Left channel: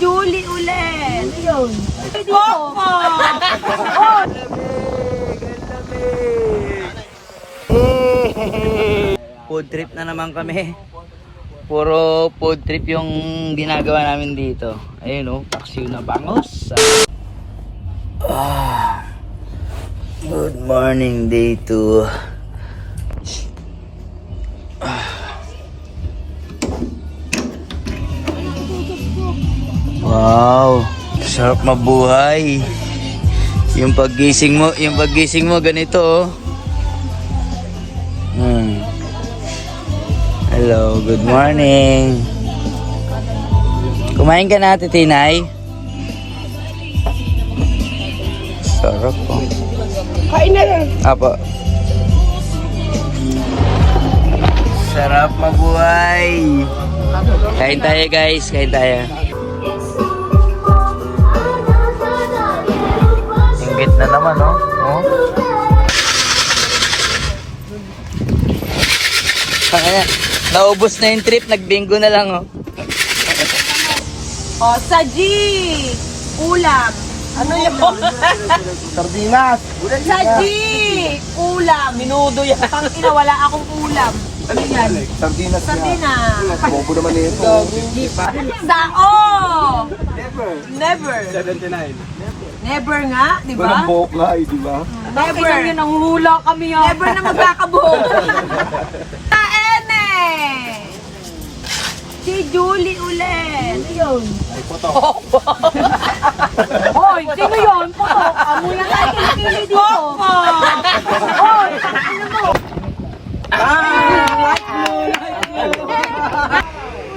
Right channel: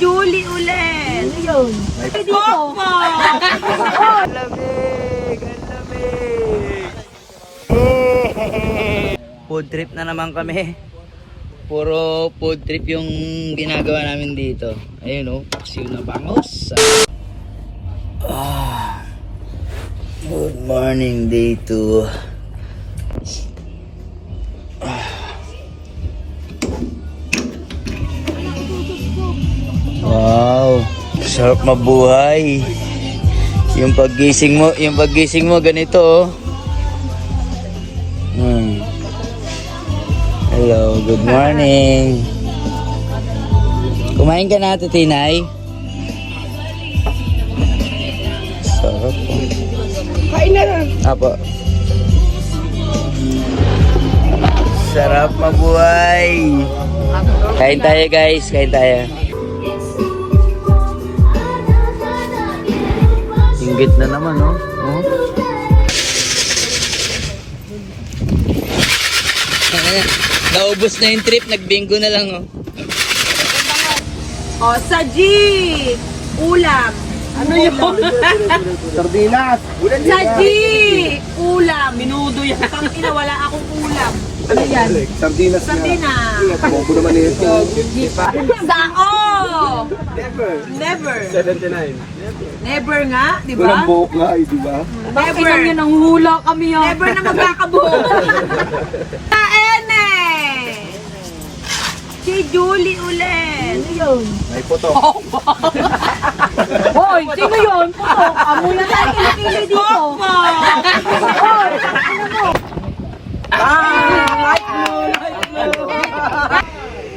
Julie ulit. Ano yun? Dito. Opo! Ang lamig! Ang lamig! Food trip na naman kami. Puro food trip yung ginagawa namin dito. Ayun o, paksiw na bangos. Good morning, day 2. Wow, sarap mabuhay. Yung paggising mo ganito oh. Hello, good morning. Kumain ka na, Titinay? Sarap po. Kain na lang. Apo. Sarap mabuhay. Kain tayo guys, kain tayo. Inggit na naman, no? Oh. Naubos na yung trip, nagbingo na lang, oh. Oh, sajid! Ulam. Ano yun? Sardinas. Sajid! Ulam. Minudo yan. Wala akong ulam. Ano yan? Sardinas. Sardinas. Bobo naman ito. Hindi pa. Sao! Never. 79. Never nga, di ba? Walang buhok nga, di ba? Never. Kailan nang hula kami yan. Never na magkakabuhok. Kain eh! Si Julie ulit. Ano yun? Ay, puto. Hoy, sino yun? Putok. Amoy na tayo kilikili dito. Hoy, ano mo?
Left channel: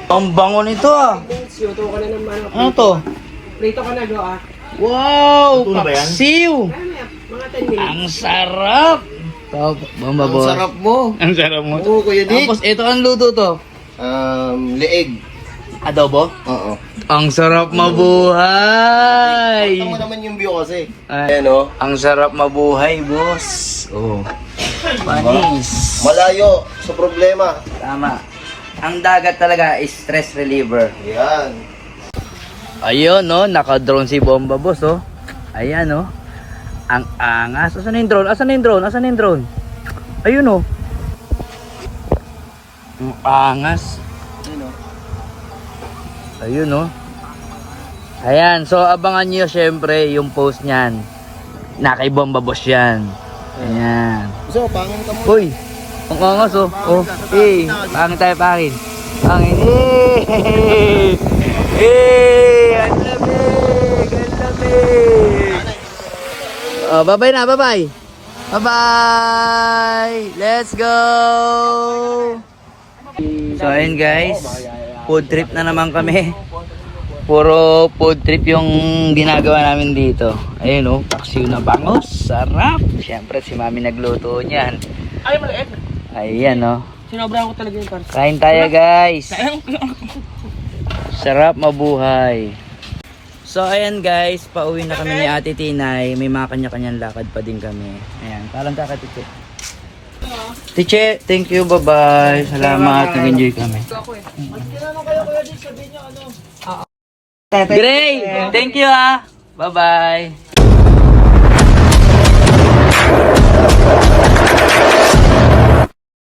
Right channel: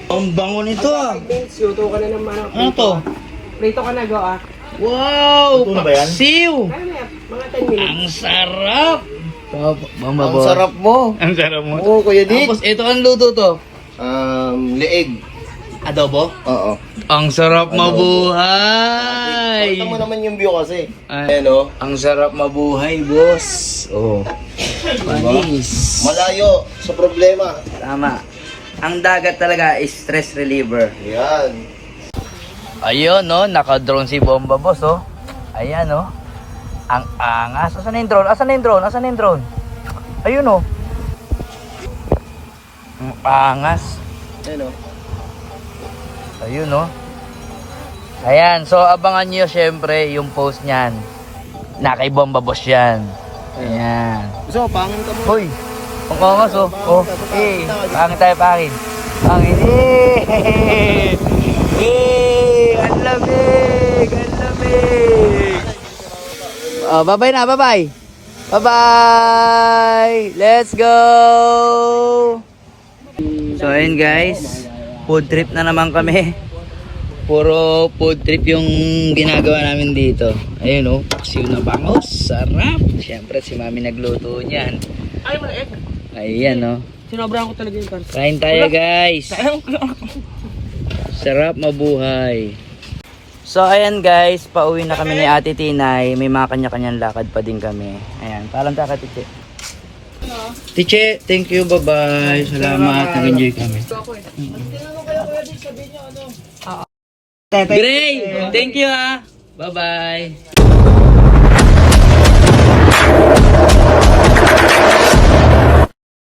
Ang bango nito, ah. Luto ka na ng manok. Ano to? Prito ka na, go ah. Wow! Ito na ba yan? Siw! Ano na yan? Mga 10 minutes. Ang sarap! Ang sarap mo. Ang sarap mo. Oo, Kuya Dick. Tapos ito ang luto to. Leeg. Adobo? Oo. Ang sarap mabuhay! Pakita mo naman yung view kasi. Ay, Ayan o. ang sarap mabuhay, boss. Oh. Manis. Malayo sa problema. Tama. Ang dagat talaga is stress reliever. Ayan. Ayun, no, naka-drone si Bomba, boss, oh. Ayan, no. Ang angas. Asan na yung drone? Asan na yung drone? Asan na yung drone? Ayun, oh. Ang angas. Ayan o. Ayun, no. Ayan, so abangan nyo syempre yung post niyan. Na kay Bomba Boss yan. Ayan. So, pangin ka mo. Uy, ang angas, oh. Oh, hey. Pangin tayo, pangin. Pangin. Ang lamig! Ang lamig! Oh, bye-bye na, bye-bye! Bye-bye! Let's go! So, ayun guys. Food trip na naman kami. Puro food trip yung ginagawa namin dito. Ayun oh, paksiw na bangos. Sarap! Siyempre, si Mami nagluto niyan. Ay, maliit. Ayan oh. Sinabrahan ko talaga yung pan. Kain tayo guys! Sarap mabuhay. So ayan guys, pauwi na kami ni Ate Tinay. May mga kanya-kanyang lakad pa din kami. Ayan, paalam tayo kay Tiche. Tiche, thank you, bye-bye. Salamat, nag-enjoy kami. Gray, thank you ha. Bye-bye.